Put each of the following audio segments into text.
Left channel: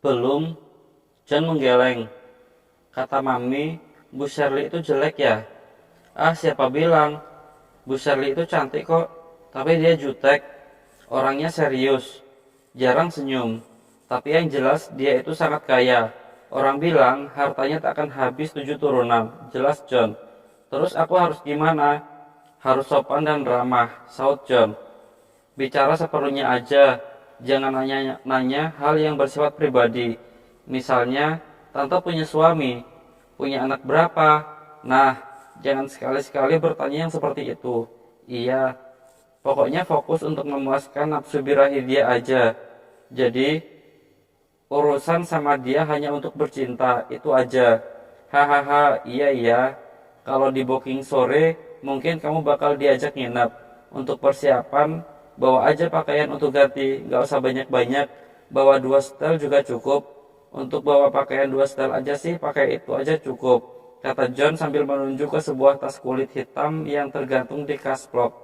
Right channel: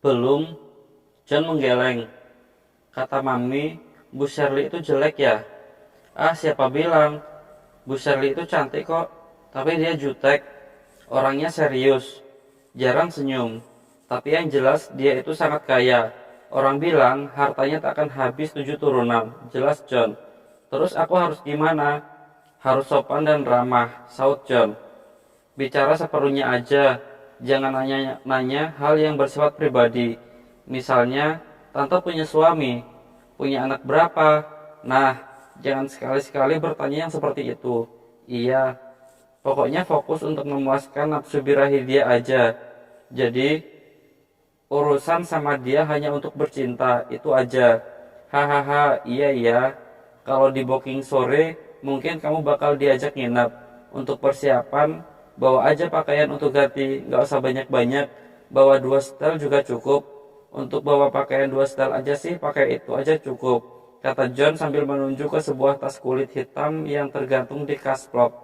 Belum, John menggeleng. Kata Mami, Bu Shirley itu jelek ya? Ah, siapa bilang? Bu Shirley itu cantik kok, tapi dia jutek. Orangnya serius, jarang senyum. Tapi yang jelas dia itu sangat kaya. Orang bilang hartanya tak akan habis 7 turunan. Jelas John. Terus aku harus gimana? Harus sopan dan ramah, saut John. Bicara seperlunya aja. Jangan nanya-nanya hal yang bersifat pribadi. Misalnya, tante punya suami, punya anak berapa? Nah, jangan sekali-sekali bertanya yang seperti itu. Iya, pokoknya fokus untuk memuaskan nafsu birahi dia aja. Jadi, urusan sama dia hanya untuk bercinta, itu aja. Hahaha, iya iya. Kalau di booking sore, mungkin kamu bakal diajak nginep. Untuk persiapan, bawa aja pakaian untuk ganti, gak usah banyak-banyak. Bawa 2 setel juga cukup. Untuk bawa pakaian 2 setel aja sih, pakai itu aja cukup, kata John sambil menunjuk ke sebuah tas kulit hitam yang tergantung di kasplok.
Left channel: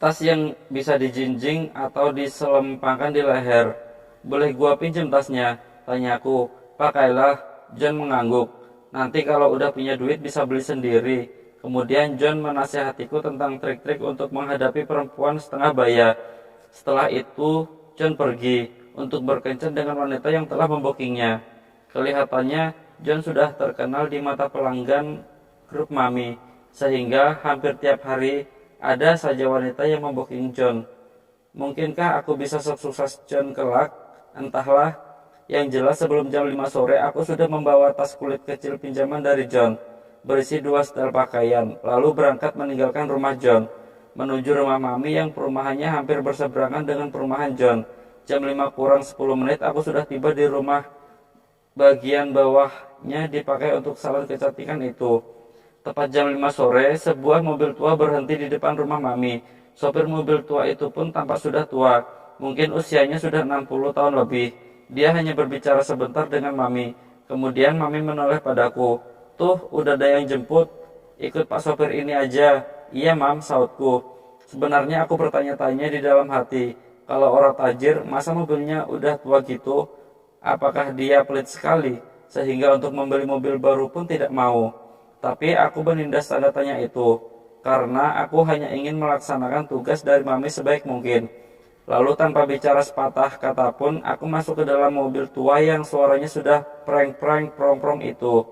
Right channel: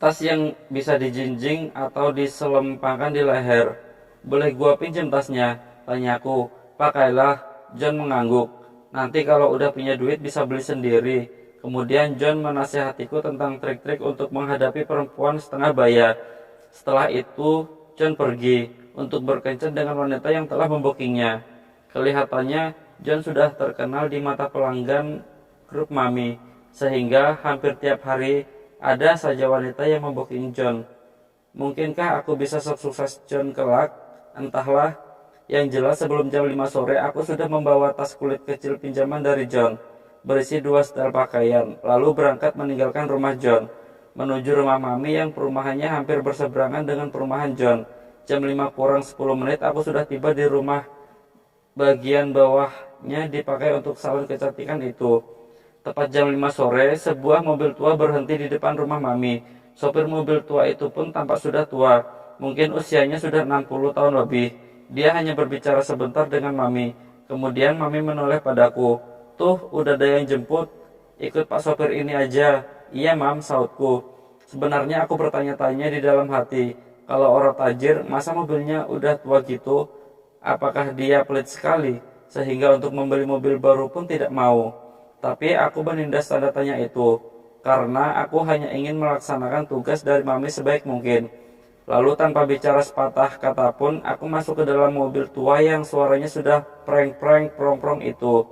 Tas yang bisa dijinjing atau diselempangkan di leher. Boleh gua pinjem tasnya? Tanyaku. Pakailah. John mengangguk. Nanti kalau udah punya duit bisa beli sendiri. Kemudian John menasihatiku tentang trik-trik untuk menghadapi perempuan setengah baya. Setelah itu John pergi untuk berkencan dengan wanita yang telah membokingnya. Kelihatannya John sudah terkenal di mata pelanggan grup Mami, sehingga hampir tiap hari ada saja wanita yang memboking John. Mungkinkah aku bisa sukses John kelak? Entahlah. Yang jelas sebelum jam 5 sore aku sudah membawa tas kulit kecil pinjaman dari John, berisi 2 setel pakaian, lalu berangkat meninggalkan rumah John, menuju rumah Mami yang perumahannya hampir berseberangan dengan perumahan John. Jam 5 kurang 10 menit aku sudah tiba di rumah. Bagian bawahnya dipakai untuk salon kecantikan itu. Tepat jam 5 sore, sebuah mobil tua berhenti di depan rumah Mami. Sopir mobil tua itu pun tampak sudah tua. Mungkin usianya sudah 60 tahun lebih. Dia hanya berbicara sebentar dengan Mami. Kemudian Mami menoleh padaku. Tuh, udah ada yang jemput. Ikut Pak sopir ini aja. Iya, Mam, sautku. Sebenarnya aku bertanya-tanya di dalam hati. Kalau orang tajir, masa mobilnya udah tua gitu? Apakah dia pelit sekali? Sehingga untuk membeli mobil baru pun tidak mau. Tapi aku menindas tanda tanya itu, karena aku hanya ingin melaksanakan tugas dari Mami sebaik mungkin. Lalu tanpa bicara sepatah kata pun, aku masuk ke dalam mobil tua yang suaranya sudah preng-preng prong-prong itu.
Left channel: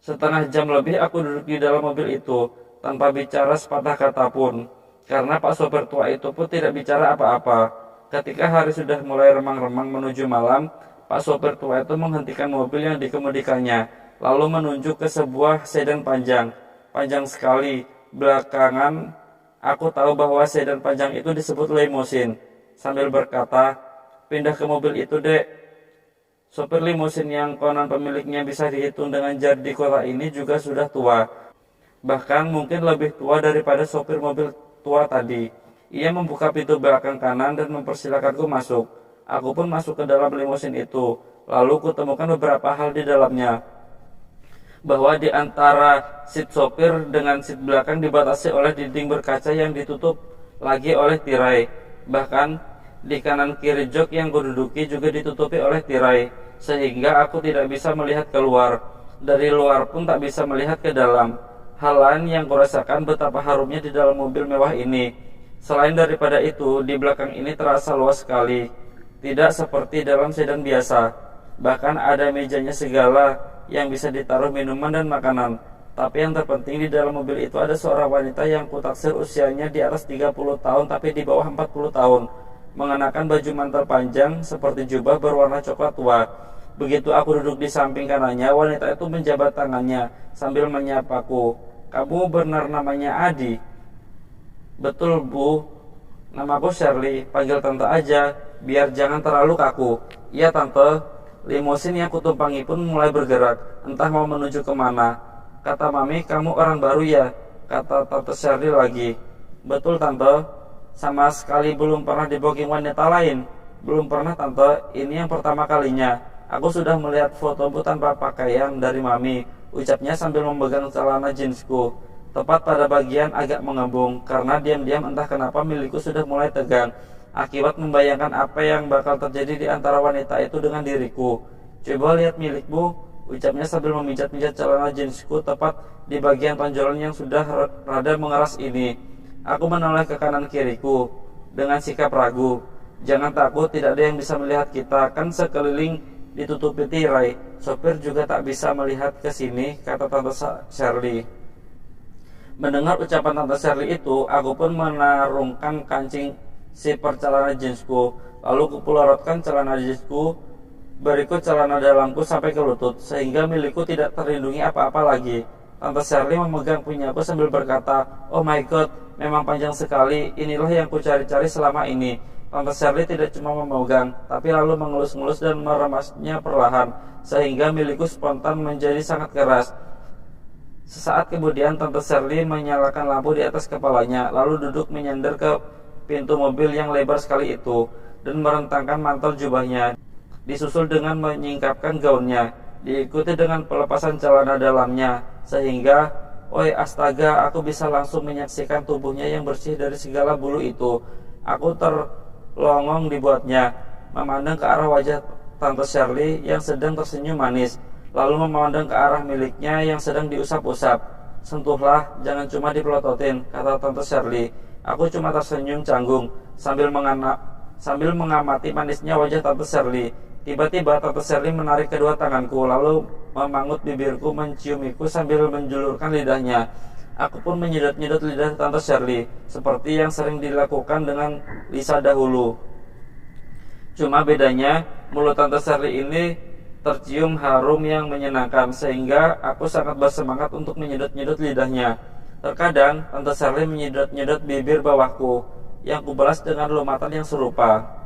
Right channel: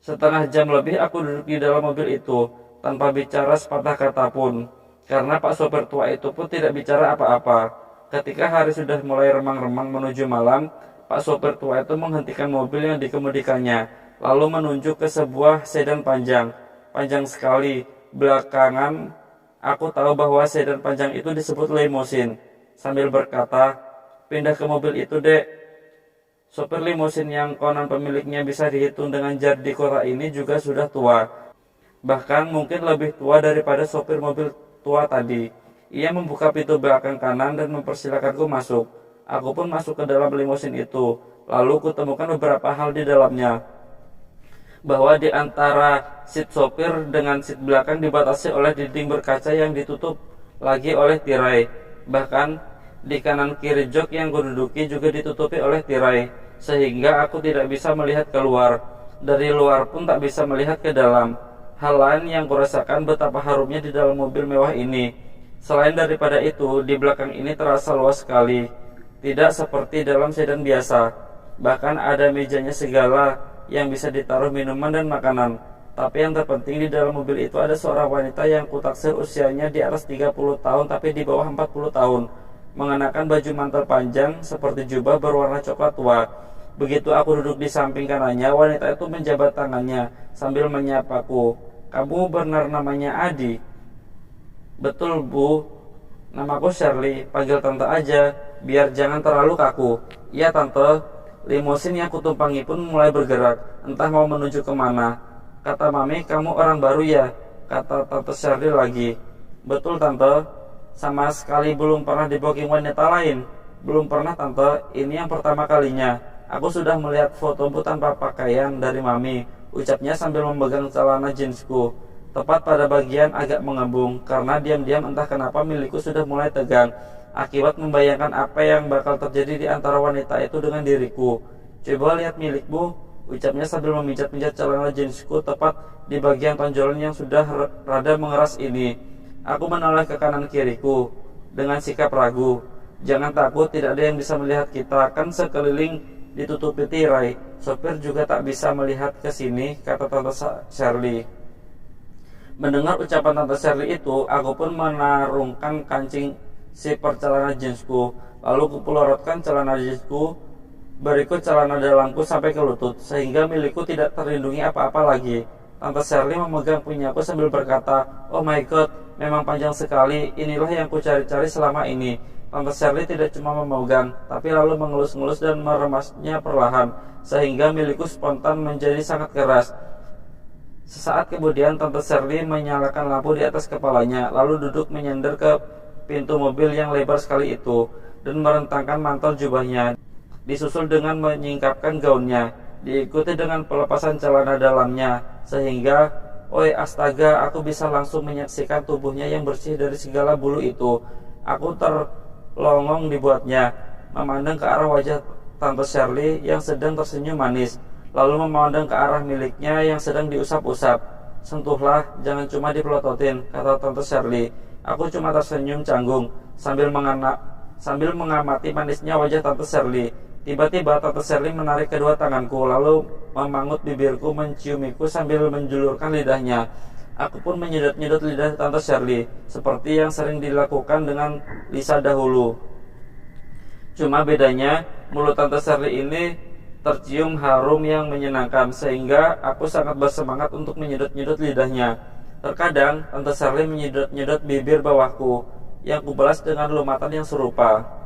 Setengah jam lebih aku duduk di dalam mobil itu, tanpa bicara sepatah kata pun, karena Pak sopir tua itu pun tidak bicara apa-apa. Ketika hari sudah mulai remang-remang menuju malam, Pak sopir tua itu menghentikan mobil yang dikemudikannya, lalu menunjuk ke sebuah sedan panjang. Panjang sekali. Belakangan, aku tahu bahwa sedan panjang itu disebut limousine. Sambil berkata, pindah ke mobil itu, Dek. Sopir limousine yang konon pemiliknya bisa dihitung dengan jari di kota ini juga sudah tua. Bahkan mungkin lebih tua daripada sopir mobil tua tadi. Ia membuka pintu belakang kanan dan mempersilakanku masuk. Aku pun masuk ke dalam limousine itu. Lalu kutemukan beberapa hal di dalamnya. Bahwa di antara seat sopir dengan seat belakang dibatasi oleh dinding berkaca yang ditutup lagi oleh tirai. Bahkan di kanan kiri jok yang kududuki juga ditutupi oleh tirai, sehingga aku tidak bisa melihat keluar. Dari luar pun tak bisa melihat ke dalam. Hal lain yang kurasakan betapa harumnya di dalam mobil mewah ini. Selain daripada itu, di belakang ini terasa luas sekali. Tidak seperti dalam sedan biasa. Bahkan ada mejanya segala yang bisa ditaruh minuman dan makanan. Tapi yang terpenting di dalam mobil itu ada seorang wanita yang kutaksir usianya di atas 30 tahun tapi di bawah 40 tahun. Mengenakan baju mantel panjang seperti jubah berwarna coklat tua. Begitu aku duduk di samping kanannya, wanita itu menjabat tangannya sambil menyapaku. Kamu benar namanya Adi? Betul, Bu. Namaku Shirley, panggil tante aja, biar jangan terlalu kaku. Iya, tante. Limousine yang kutumpangi pun mulai bergerak, entah mau menuju kemana. Kata Mami, kamu orang baru ya? Kata tante Shirley lagi. Betul, tante. Sama sekali belum pernah di booking wanita lain. Belum pernah, tante. Ini yang pertama kalinya. Aku sudah melihat fotomu tanpa pakaian dari Mami, ucapnya sambil memegang celana jeansku. Tepat pada bagian agak mengembung, karena diam-diam entah kenapa milikku sudah mulai tegang. akibat membayangkan apa yang bakal terjadi di antara wanita itu dengan diriku. Coba lihat milikmu, ucapnya sambil memijat-mijat celana jeansku tepat di bagian tonjolan yang sudah rada mengeras ini. Aku menoleh ke kanan kiriku dengan sikap ragu. Jangan takut, tidak ada yang bisa melihat kita, kan sekeliling ditutupi tirai. Sopir juga tak bisa melihat ke sini, kata Tante Shirley. Mendengar ucapan Tante Shirley itu, aku pun menarungkan kancing zipper celana jeansku, lalu kupelorotkan celana jeansku berikut celana dalamku sampai ke lutut, sehingga milikku tidak terlindungi apa-apa lagi. Tante Shirley memegang punyaku sambil berkata, "Oh my god, memang panjang sekali, inilah yang kucari-cari selama ini." Tante Shirley tidak cuma memegang, tapi lalu mengelus-ngelus dan meremasnya perlahan, sehingga milikku spontan menjadi sangat keras. Sesaat kemudian Tante Shirley menyalakan lampu di atas kepalanya, lalu duduk menyandar ke pintu mobil yang lebar sekali itu, dan merentangkan mantel jubahnya, disusul dengan menyingkapkan gaunnya, diikuti dengan pelepasan celana dalamnya, sehingga, oi astaga, aku bisa langsung menyaksikan tubuhnya yang bersih dari segala bulu itu. Aku terlongong dibuatnya, memandang ke arah wajah Tante Shirley yang sedang tersenyum manis, lalu memandang ke arah miliknya yang sedang diusap-usap. "Sentuhlah, jangan cuma dipelototin," kata Tante Shirley. Aku cuma tersenyum canggung sambil mengamati manisnya wajah Tante Shirley. Tiba-tiba Tante Shirley menarik kedua tanganku, lalu memangut bibirku, menciumiku sambil menjulurkan lidahnya. Aku pun menyedot-nyedot lidah Tante Shirley, seperti yang sering dilakukan dengan Lisa dahulu. Cuma bedanya, mulut Tante Shirley ini tercium harum yang menyenangkan, sehingga aku sangat bersemangat untuk menyedot-nyedot lidahnya. Terkadang Tante Shirley menyedot-nyedot bibir bawahku yang kubalas dengan lumatan yang serupa.